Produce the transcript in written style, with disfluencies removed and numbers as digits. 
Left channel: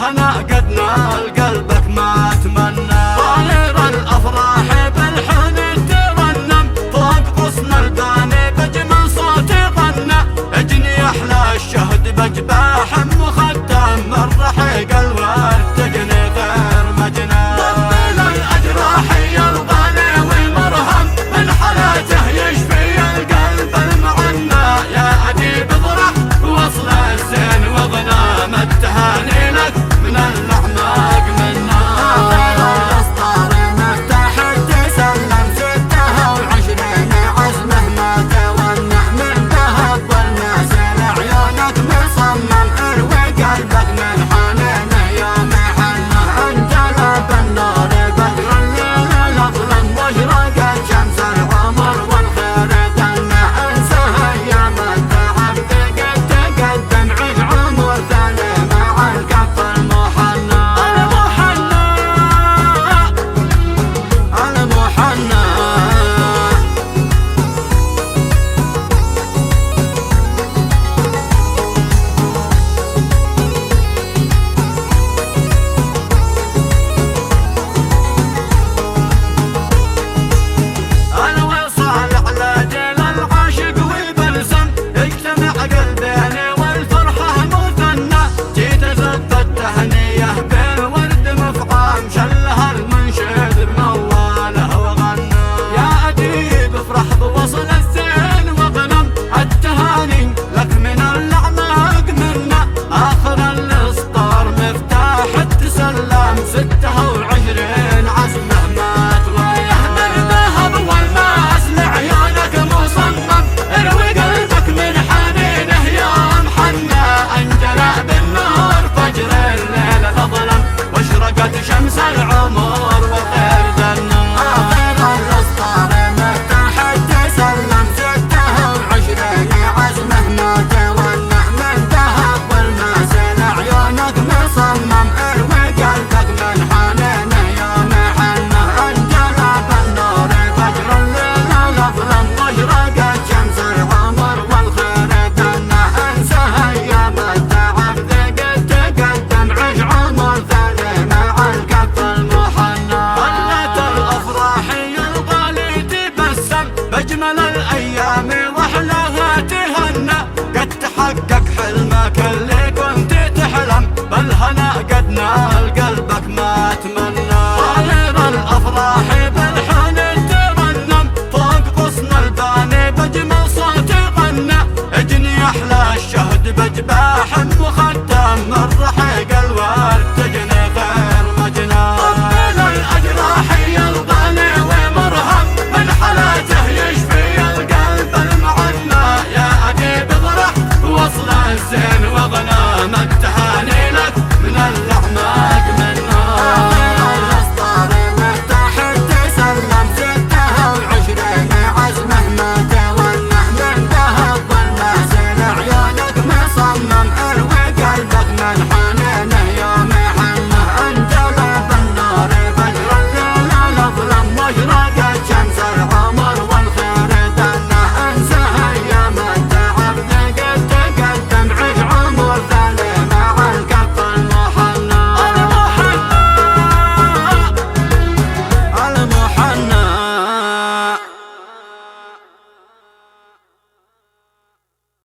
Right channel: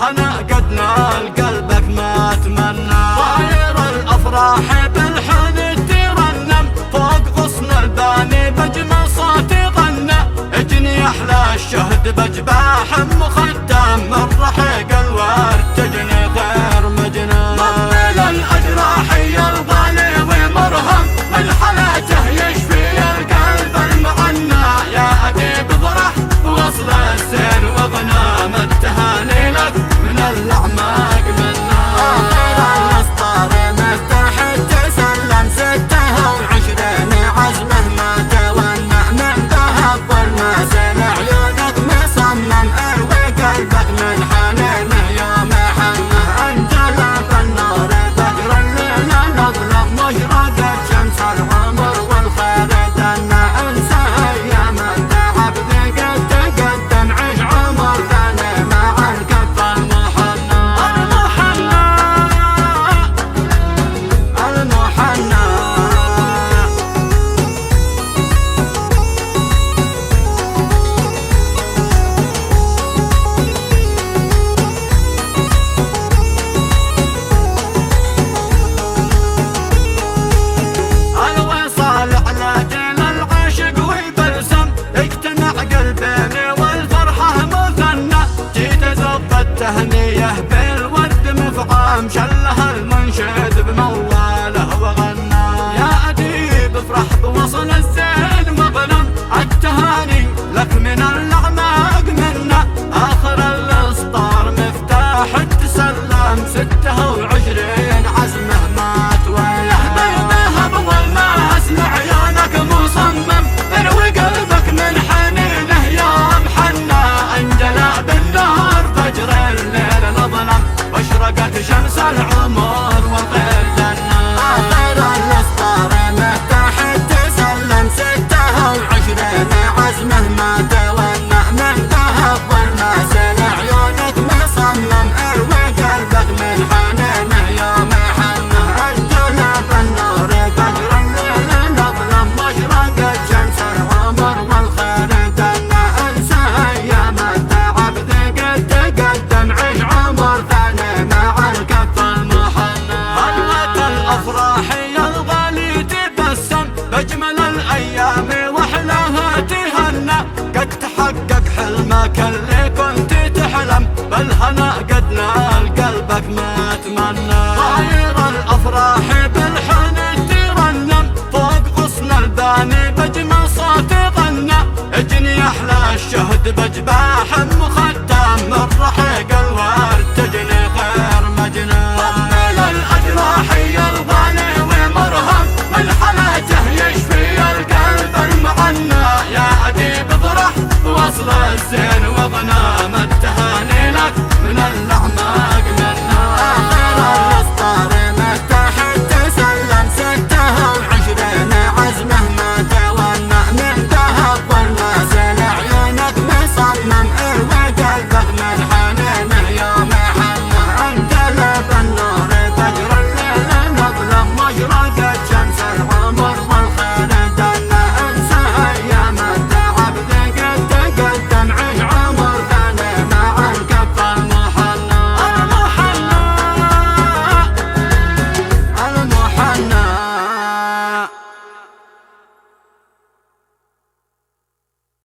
بالهنا قد نال قلبك ما تمنى. طاير الافراح بالحزن ترنم فوق غصن الباني بجمل صوت غنى. اجني احلى الشهد بجباح مختم من رحيق الورد تجني غير مجنى. طمن الاجراح يا الغالي والمرهم من حالاته يشفي القلب المعنى. يا اديب افرح وصل الزين وغنام التهاني لك من الاعماق منا. الاسطار مستحد سلم 26 عزمه ما تونع من ذهب والماسل عيونك مصمم اروي قلبك من حنينه يوم حنه. انجلى بالنور بدر الليل الاظلم واشرقت شمس العمر والخير دنا. انسى ايام التعب ذقت تقدم عيش عمر ثاني مع الكف المحنى. المحنى المحنى الوصال علاج للعاشق والبلسم. اجتمع قلبين والفرحة مثنى. جيت ازف التهنية بالورد مفعم شلها المنشد بمواله وغنى. يا اديب افرح بوصل الزين واغنم التهاني لك من الاعماق منا. اخر الاسطار مفتاح التسلم 26 عزمه ما توالى. بالذهب والماس لعيونك مصمم اروي قلبك من حنينه يوم حنى. انجلى بالنهار فجر الليل الاظلم واشرقت شمس العمر والخير دنا. آخر الاسطار متحد سلم 26 عزمه ما تونع من ذهب والماسل عيونك مصمم اروي قلبك من حنينه يوم حنه. انجلى بالنور فجر الليل الاظلم واشرقت شمس العمر والخير دنا. انسى ايام التعب ذقت تقدم عيش عمر ثاني مع الكف المحنى. خلت الافراح يا الغالي تبسم بجمل الايام واحلاها تهنى. قد تحقق حلمك اللي كنت تحلم بالهنا قد نال قلبك ما